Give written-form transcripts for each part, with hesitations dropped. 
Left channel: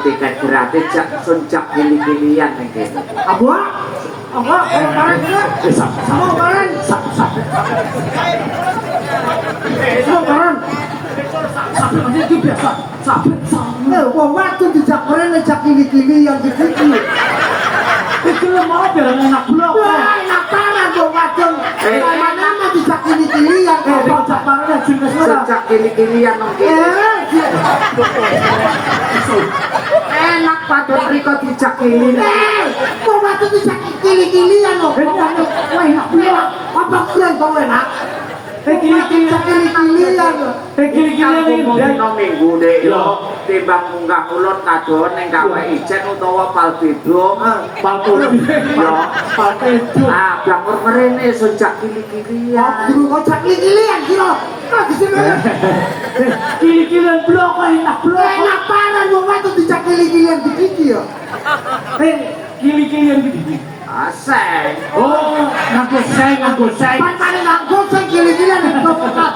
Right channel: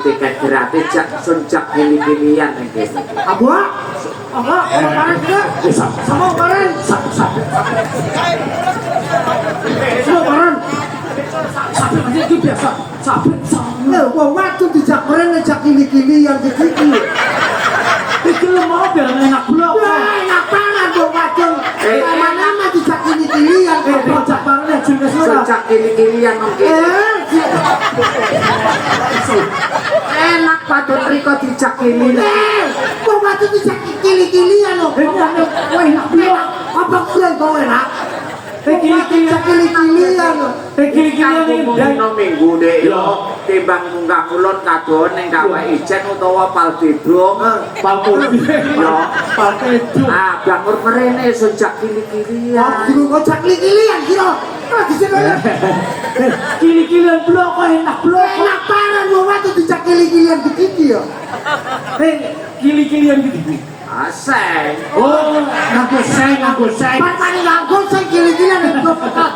tiket gratis jak sunjak gili-gilian ning kene. Apa? Kemarin kita sama kemarin. Semua kemarin. Sampai nanti biasa. Sampai. Waktu dijak kemarin ngejak gili-gilian gitu. Itu mau biar enak blok. Enak banget dong waktu. Nama dijak gili-gilian. Dijak banget sunjak gili-gilian enak pada riko dijak gili-gilian. Kok waktu dijak gili-gilian loh. Enak. Apa kuliah kau enak? Gili-gilian dino minggu deh yo timbang munggah kulon kadon ning gawe ijen utawa palbidung yo bangun mrene sejak gili-gilian kocak gili-gilian kira gili-gilian blok kok enak banget lu waktu dijak gili-gilian gitu ya gili-gilian gitu aseng ngaku seng patane ngaku seng gili-gilian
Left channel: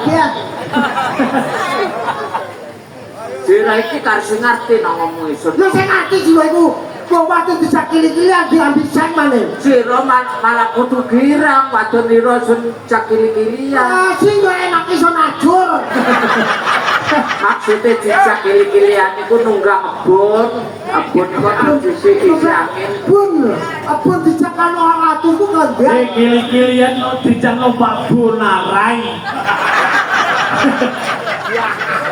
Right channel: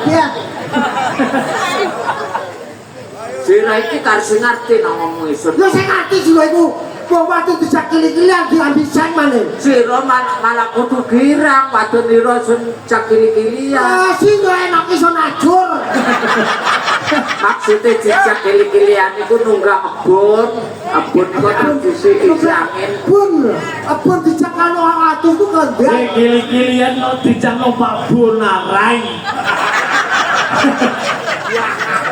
ya Sira iki harus ngerti ngomong isun. Yo sing ngerti sira iku. Kok waktu dijak gili-gilian diambil seng maneh. Sira malah kudu girang wadon nira sun jak gili-gilian. Ah, sing enak iso najur. Maksudnya dijak gili-gilian iku nunggak kebun iku kan disi angin. Kebun dijak karo orang atuh ku ngendek. Gili-gilian dijak numpak bonarai.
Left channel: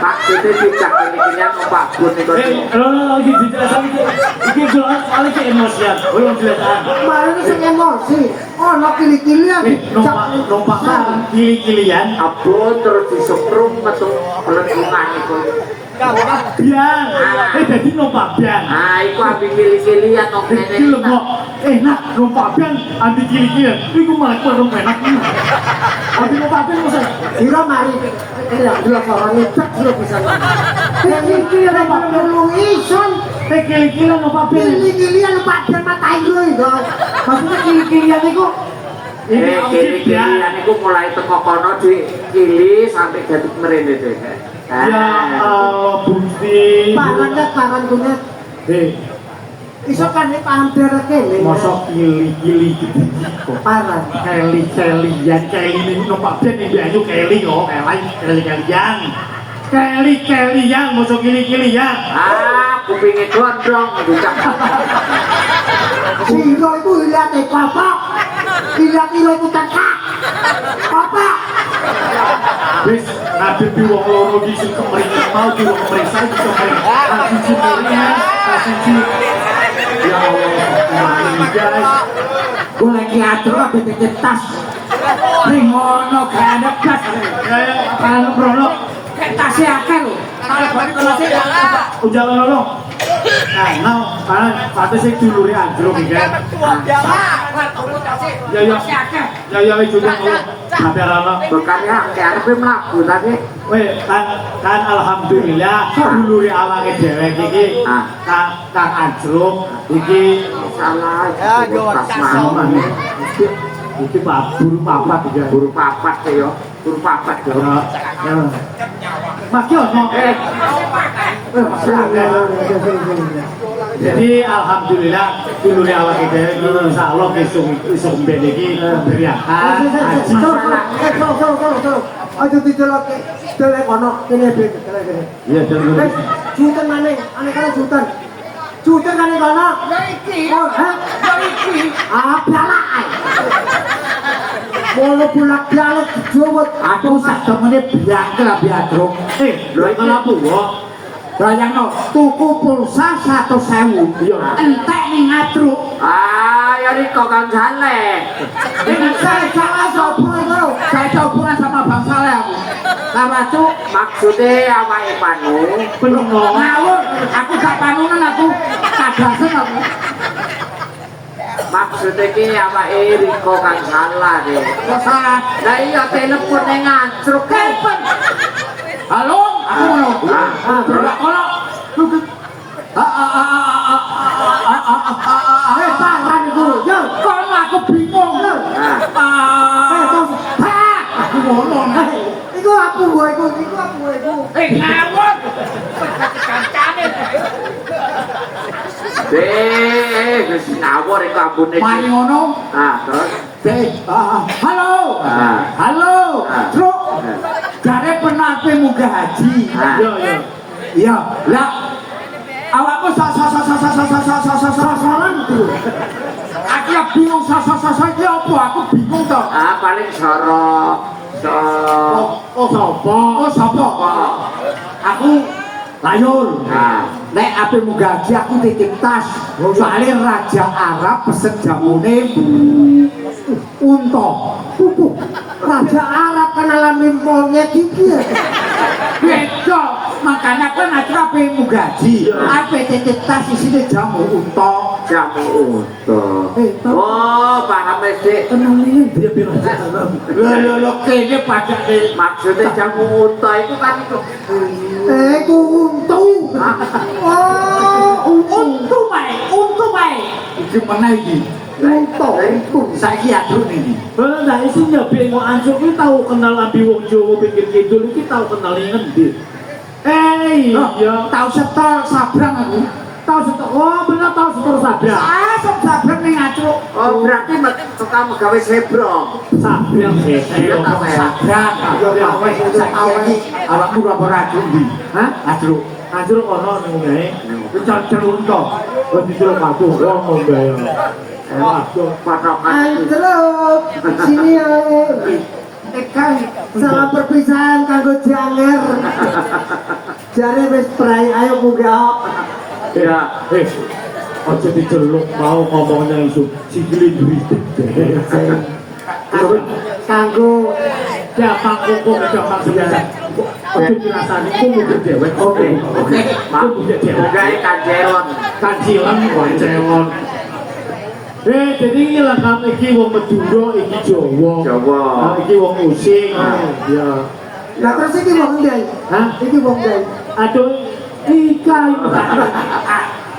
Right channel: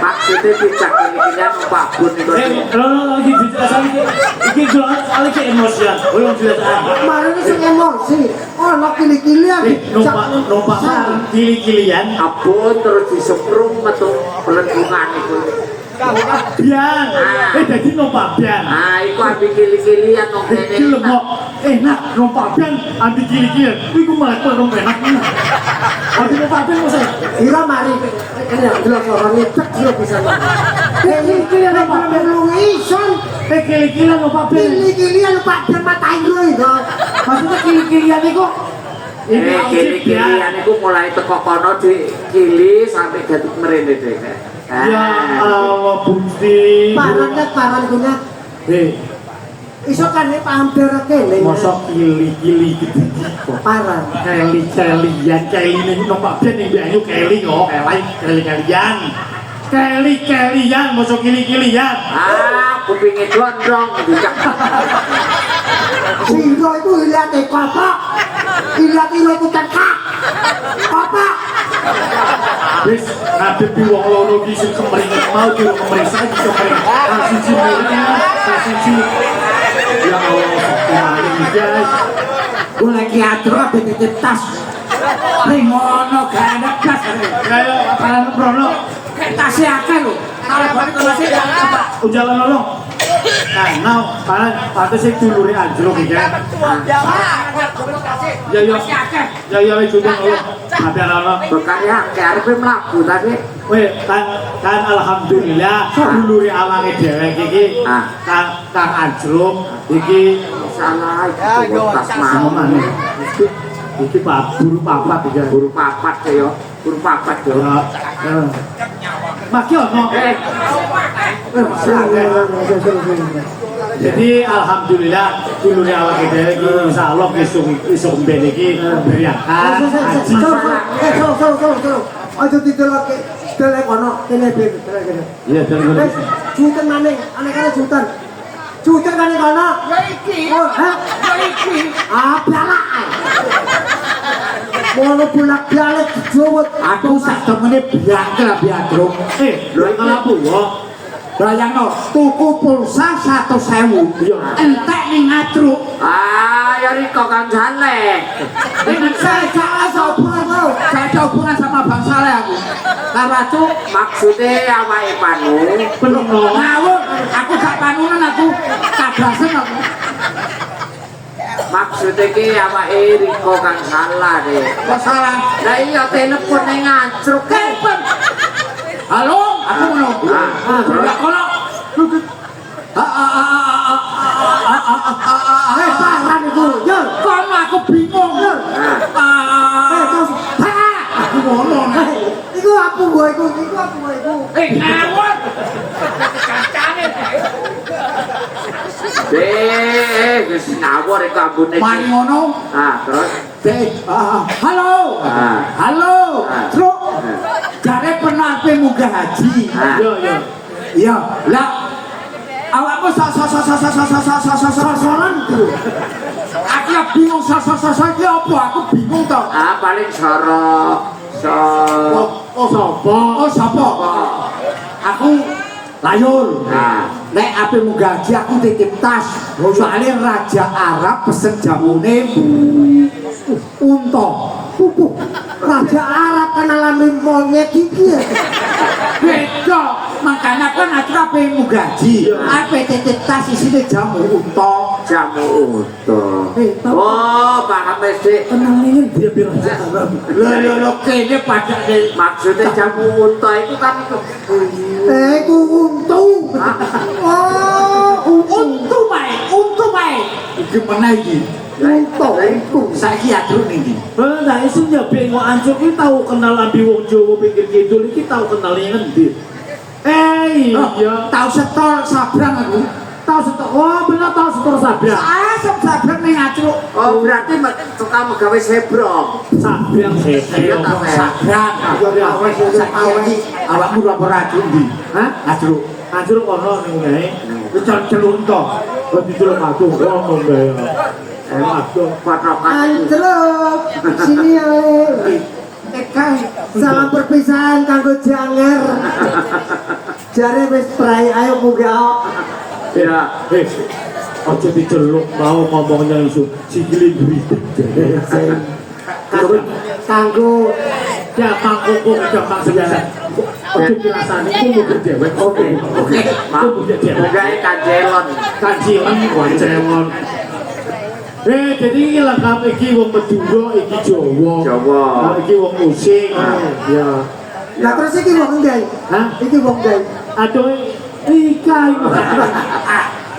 Maksudnya dijak gili-gilian numpak bun iku. Lagi dijak iki gua kali emosian. Belum jelas apa. Mari sing emosi. Oh, nak gili-gilian. Numpak gili-gilian. Abon terus diseprum metu pelentungan iku. Biang. Dadi numpak biang. Nah, iku ambil gili-gilian kok ngene. Iki lho kok enak numpak biang ambil gili-gilian. Iku malah kok enak. Ambil numpak biang masa. Ira mari. Dua orang ngecek dia bisa. Gili-gilian numpak biang lu ison. Gili-gilian numpak biang. Gili-gilian numpak biang matai lu itu. Maksudnya gili-gilian iku gili-gilian iku mulai teko kono digili sampai jadi ngrene deh. Ya Allah Bukti. Paran kunet. Iso kan pander kene. Mosok gili-gili gitu. Paran. Keli-kelian ini numpak biang ning ayu keli yo, keli-kelian. Keli-kelian mosok gili-gilian. Kupingnya gondrong juga. Siro itu lihat bapak. Lihat bukan kak. Bapak. Wis ngadepi wong loro iki sing kemringan mau di wong merisa iki kasih cimurnya kasih cium ya Allah guys Boleh kiatro titip tas Rimono gak ada gas kan brono kayak tasnya akeh lho kalau balik ke jalan loro nah pada sih dulure anjlok iki ya ya wis sudah tapi ana Bukannya arep mlaku tapi kan alhamdulillah dulure awake dhewek iki kan anjlok iki salah iki buru papat iki guru papat ya guru papat ya maki ono jadi alhamdulillah dulure awake dhewek iki insyaallah iso mben iki beriakan aduh didelok delek ono kene kene iya bener jutan maneh aneh kan jutan kan kono ya iki oh ha ya iki balak mono bulak-balik dijowot aku sak temene biake lah biadro lho iku lapo kok bayangno tuku pulsa 100.000 entek ning ngatruk ya riko kan jale ini saya gak hubungan sama Bang Saleh aku sama tuh maksudnya awake panu belum dong ngawur aku gak panungan aku kadasen aku maksudnya ki awake riko kan salah deh salah lah iya telepon yang ngacruk telepon halo aku ngono kono paran iku yo kono aku bingung yo aku ngono iku aku nggo iku ngawur kancane. Wis ngawur ing kampune. Mari ngono. Nah, terus Halo. Halo. Ah. Truk. Jare pernah ape munggah haji. Yo yo. Iya, lah awakmu sasaran tuh. Aku ya bingung sasa iki apa? Aku bingung to. paling sorok. Oh sapa? Oh, sapa? Aku Layul. Nah. Nek ape munggah haji aku titip tas. Soalnya Raja Arab pesen jamune unta. Raja Arab kenalan monyet iki ya. Beda, makanya kan aku ape mugaji, ape titip tas isine jamu unta. Jamu unta. Oh, paham wis, Dik. Kenalnya Dia biar aja sabar. lo kene pada Maksudnya jamu unta itu kan itu. ku untu. Oh, untu bae. Iki mana iki? Untu. Saiki adruk iki. Nah isi nyabe ngo ancuk iki tau kenal ambi wong Jawa pinggir kidul iki tau kenal yang ngendi? Iya. Tahu setor sabrang aku. Tau setor. Oh bener tau setor sabrang. Sabrang ning acuk. Oh, berarti pertama gawe sebrong. Sabrang Sabrang. Awakmu lapor aku ndi? Hah? Adruk. Ancur ono ning omahe. Wis celuk to. Wis diceluk aku ono bae. Waduh, Anjlok. Sini Kang, sama perpisahan kanggo janger. Jare wis prai ayo munggah. Ya. ojo diceluk mau ngomongnya langsung sikili beritik. Kanggo Gampang kok gampang biasa. Ojo dirasani ku mikir dewek. Oke. Aku punya dewek. Gawe kanjelon. Kajian koncelon. Jadi iki lengkap iki wong Madura, iki Jawa. Jawa. Iki wong Using. Ya. lah terus iki wong ndi? Hah? Iki wong ndi? Aduh, ika iku.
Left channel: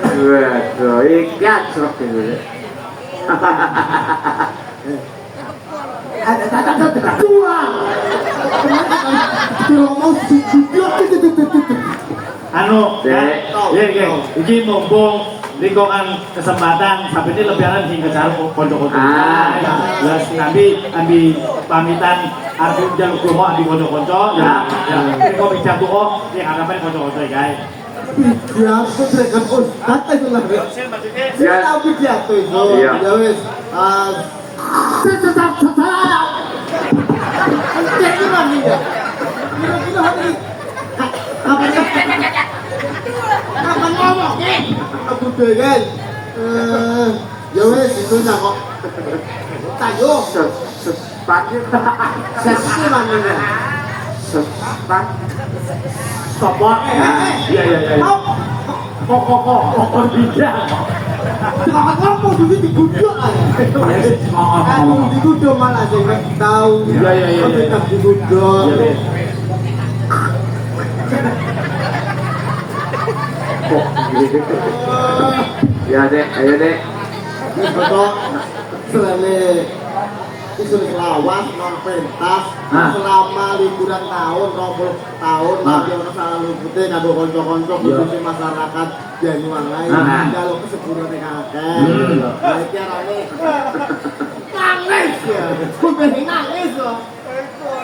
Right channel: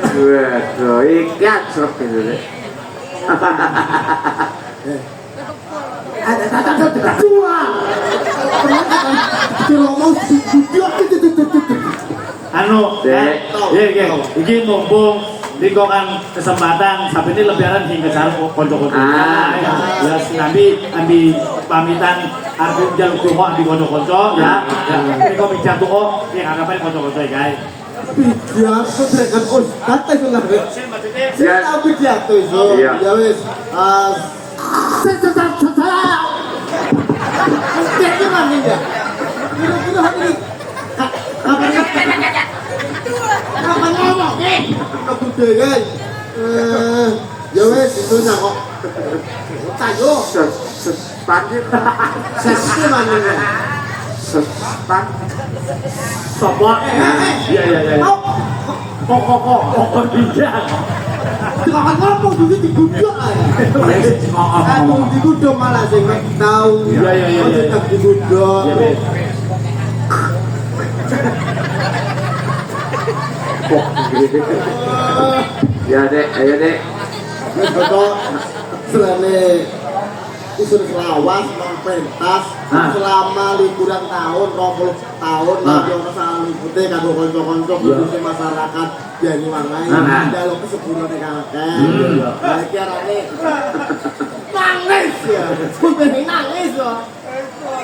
Waduh, ikan serap ini. Ada dua. Ngomong Anu, iki mumpung Niko kan kesempatan sampai ini lebaran hingga cara kocok-kocok. Ya, ambil pamitan aku jangan doa ambil kocok-kocok ya. Niko bicara doa yang hadapan kocok-kocok guys. biar sedekah ustaz itu lah. Ya. Tapi dia tuh itu. Iya. Ya wis. Jadi mana ya? Kira-kira hari apa ngomong? Aku deh guys. Ya wis itu nak kok. Kayo. Sesuk mana ya? Sopo? Iya. Kok tidak. Jangan ngomong dulu diguduk aja. Aduh diguduk malah sih nggak tahu. Iya. Tetap diguduk. Ya dek, ayo dek. Ini betul. Selalu disuruh selawas, pentas selama liburan tahun, 20 tahun, lagi orang salah luputnya, kado konco-konco, khususnya masyarakat Banyuwangi, dalam kesebutan kakek. Jadi arane nangis ya, bukan nangis loh,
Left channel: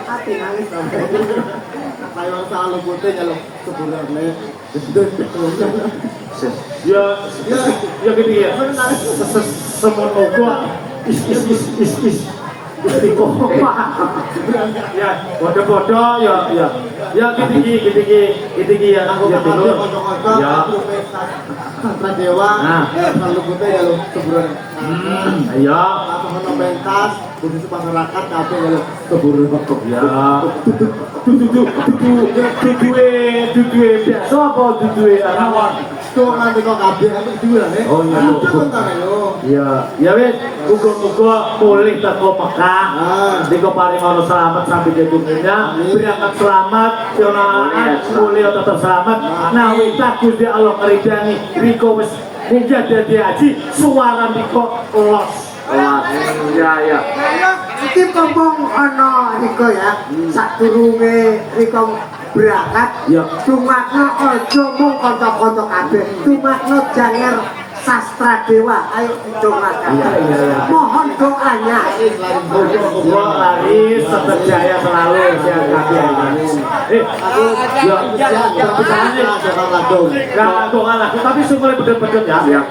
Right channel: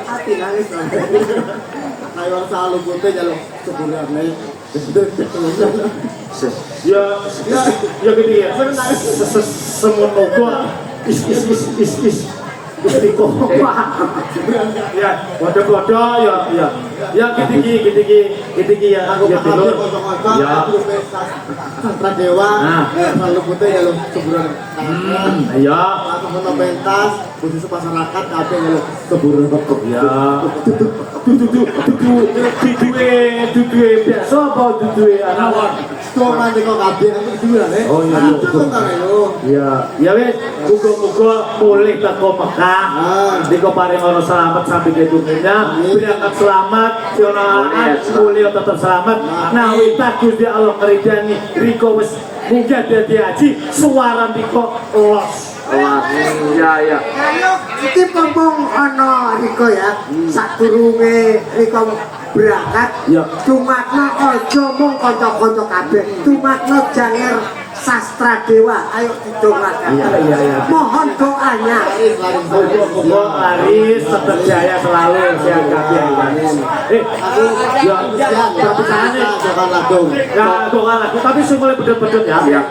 hati nangis sampai. Kayak orang salah luputnya dalam sebulannya. Ya gitu ya. Semua gua is Istiqo. Ya, bodoh-bodoh ya. Ya gitu ya. Aku bakal kocok-kocok, aku Sastra Dewa, lalu putih dalam sebulan. Iya. Aku mau pentas, khusus masyarakat, tapi kalau sebulan Ya. Duduwe biasa apa duduwe anak. Tuh nanti kok kabeh aku dua ya. Oh, iya. Itu kan ayo. Ya wis, muga-muga mulih teko Mekah. Dika paling ono selamat sampai ke dunia. Berangkat selamat, Sionalan mulia tetap selamat. Nah, witat Gusti Allah ngridani riko wis munggah dadi haji, suara Niko los. Ya. Iki kampung ana Riko ya. Sadurunge Riko berangkat Ya. dumakno aja mung kanca-kanca kabeh dumakno janger sastra dewa ayo dongakan Iya. mohon doanya Muga-muga Aris tetap jaya selalu sehat walafiat. Tapi sana enggak doa lagu tapi semua betul-betul ya. Ya.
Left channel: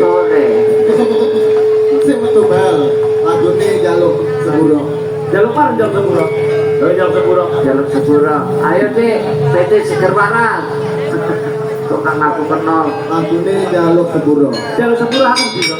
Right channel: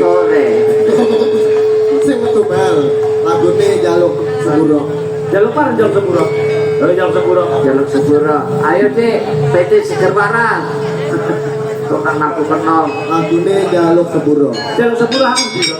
Sore. sing tunggal lagune jaluk sepuro Jalur apa? Jalur sepuro. Jalur sepuro. Jalur sepuro. Ayo deh, PT Segerwana. Tukang aku kenal. lagune jaluk sepuro Jalur sepuro apa gitu?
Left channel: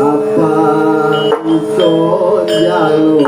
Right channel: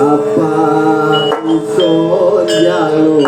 apa iso jaluk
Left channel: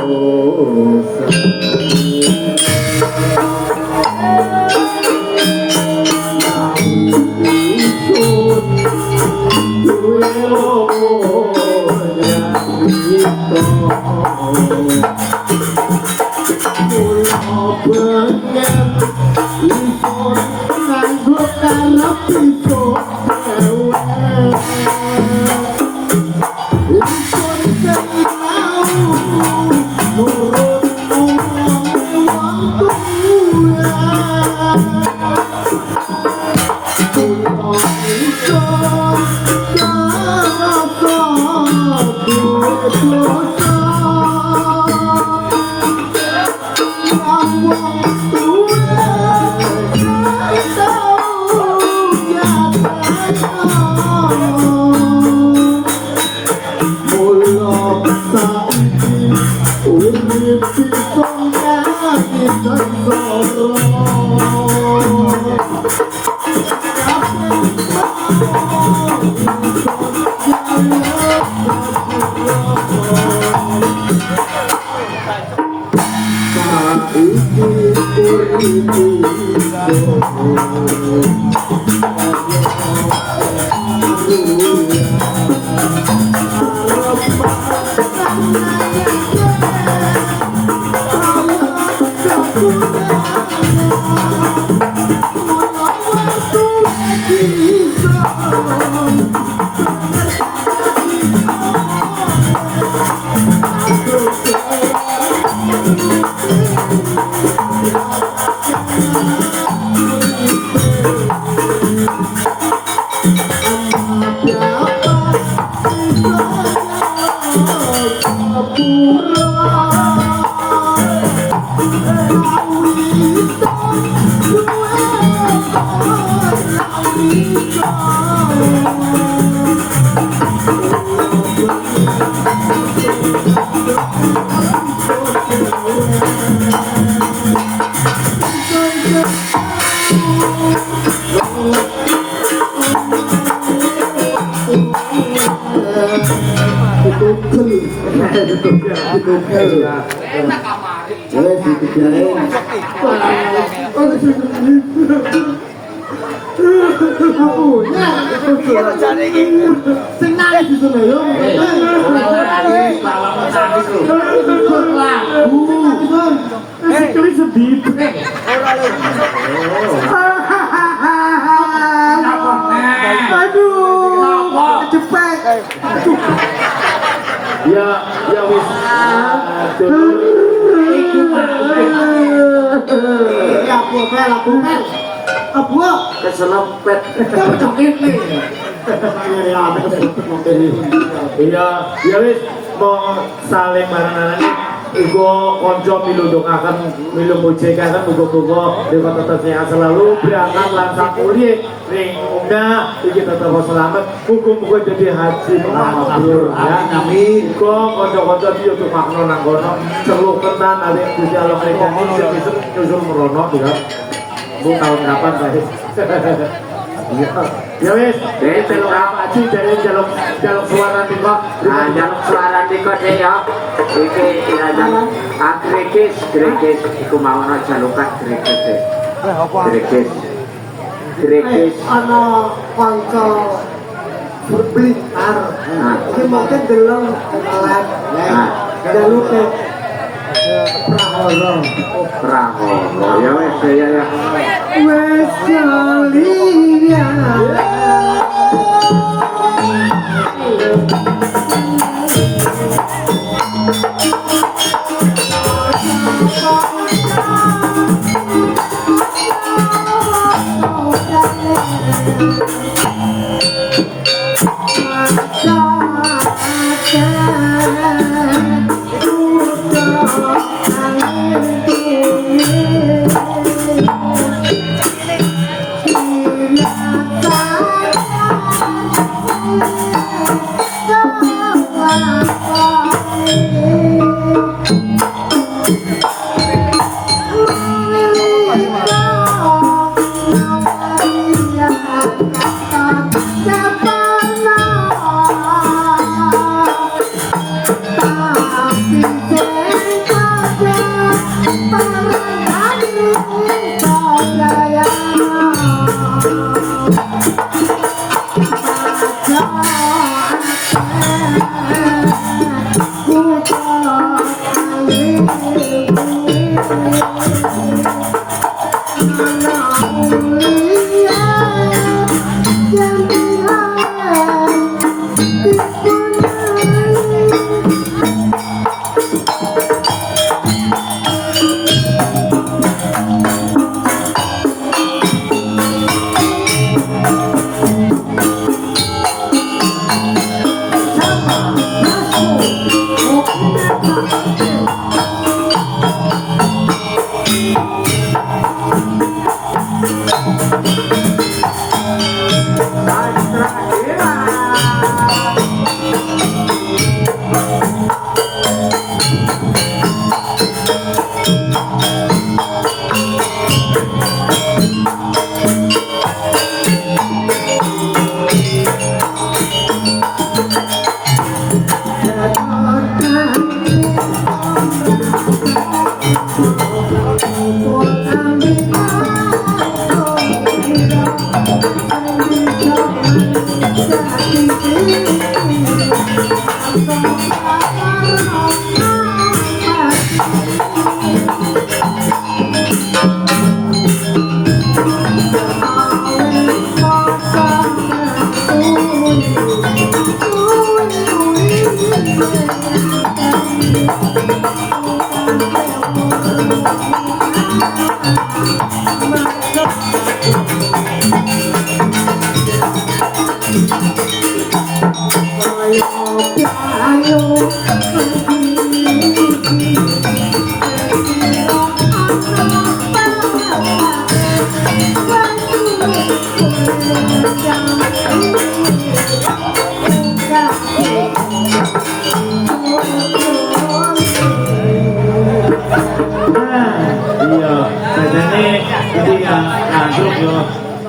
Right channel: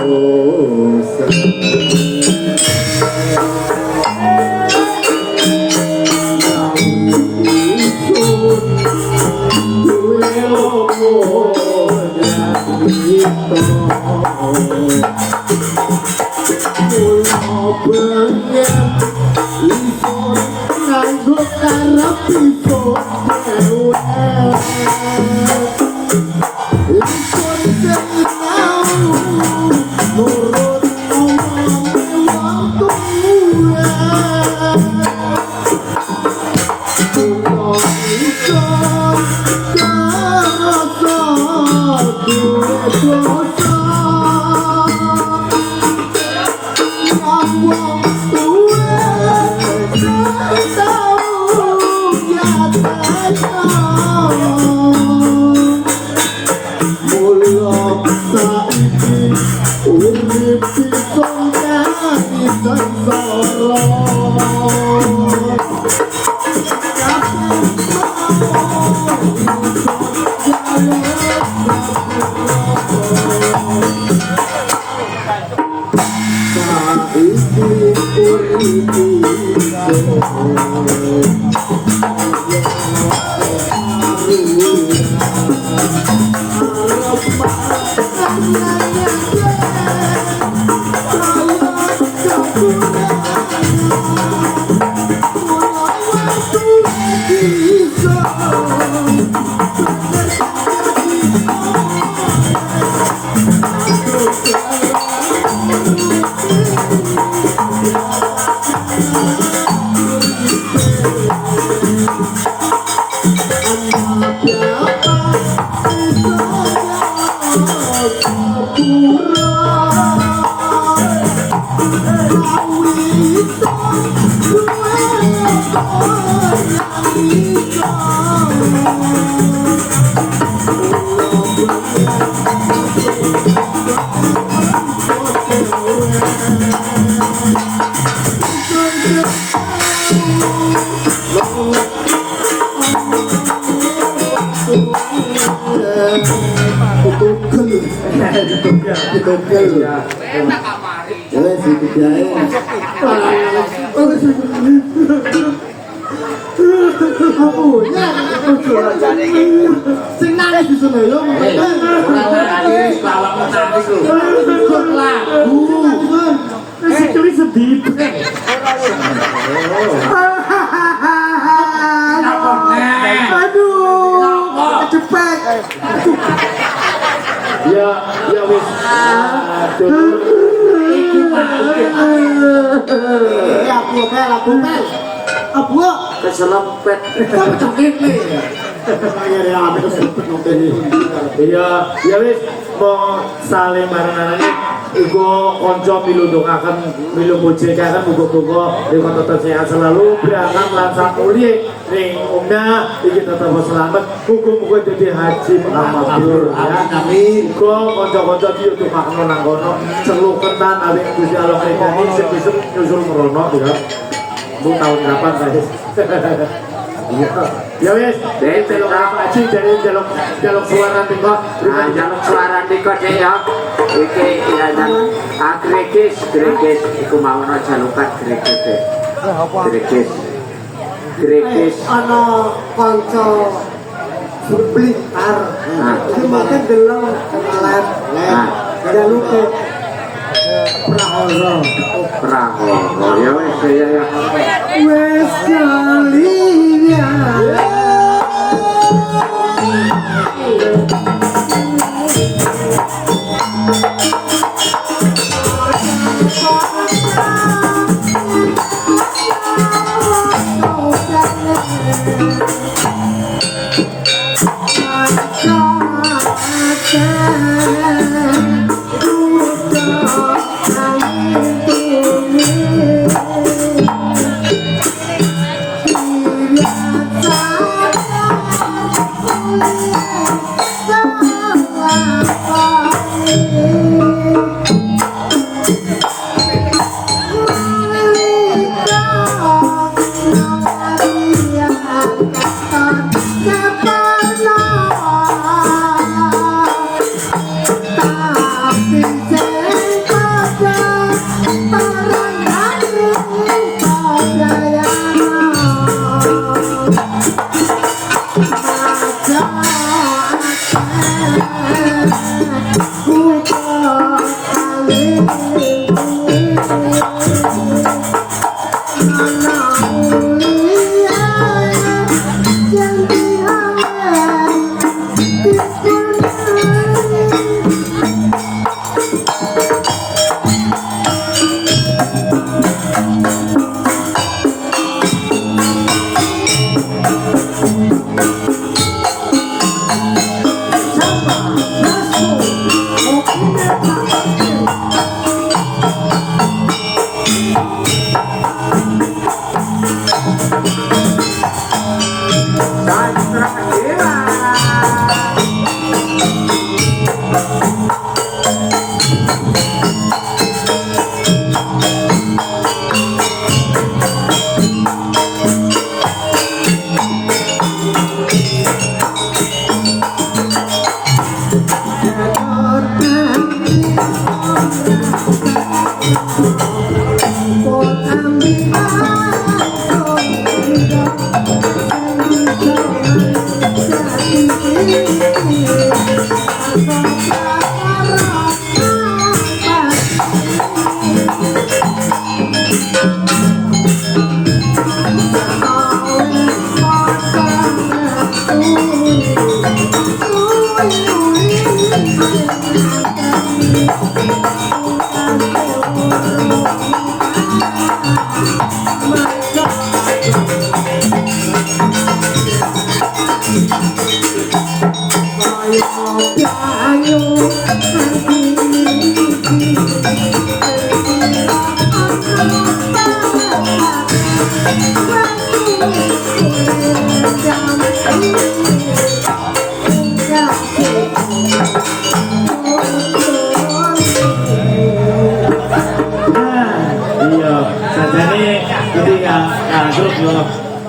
sing nangis bisa lho Sekali sedih. aduh cepet Ya, ya wis. Aduh. apa Keselompet. kamu cekik nih Iya, ya wis mau saling ngarani ugo konco milu dongakan milu mujikan ugo-ugo dengan tetap sehat selalu berangkat langsung kuliah ring unda iki tetap selamat hukum-hukum jadi haji mabrur ya amin ugo konco-konco dia tuh makna nanggono celuketan ada Gusti Allah Indonesia bisa nyusul merono ya bu tahun kapan guys iya ya wis Betul apa ngaji dari jaluk suara tingkok. Nah, jaluk suara dikot ya. Iki ya jaluk. Gregis iku mau jalukan gregis. Gregis. Ana kanca berblitar. Iki mungkin delong alat. Jaluk Prahono ya wes ya. wes kalian.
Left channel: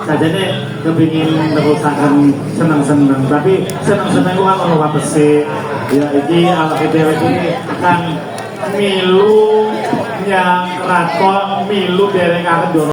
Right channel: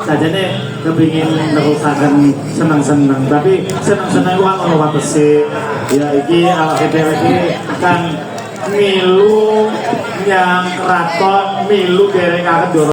Sajane kepingin nerusaken seneng-seneng tapi seneng-seneng wae ora watese ya iki awake dhewe iki kang milu yang raton milu dereng arep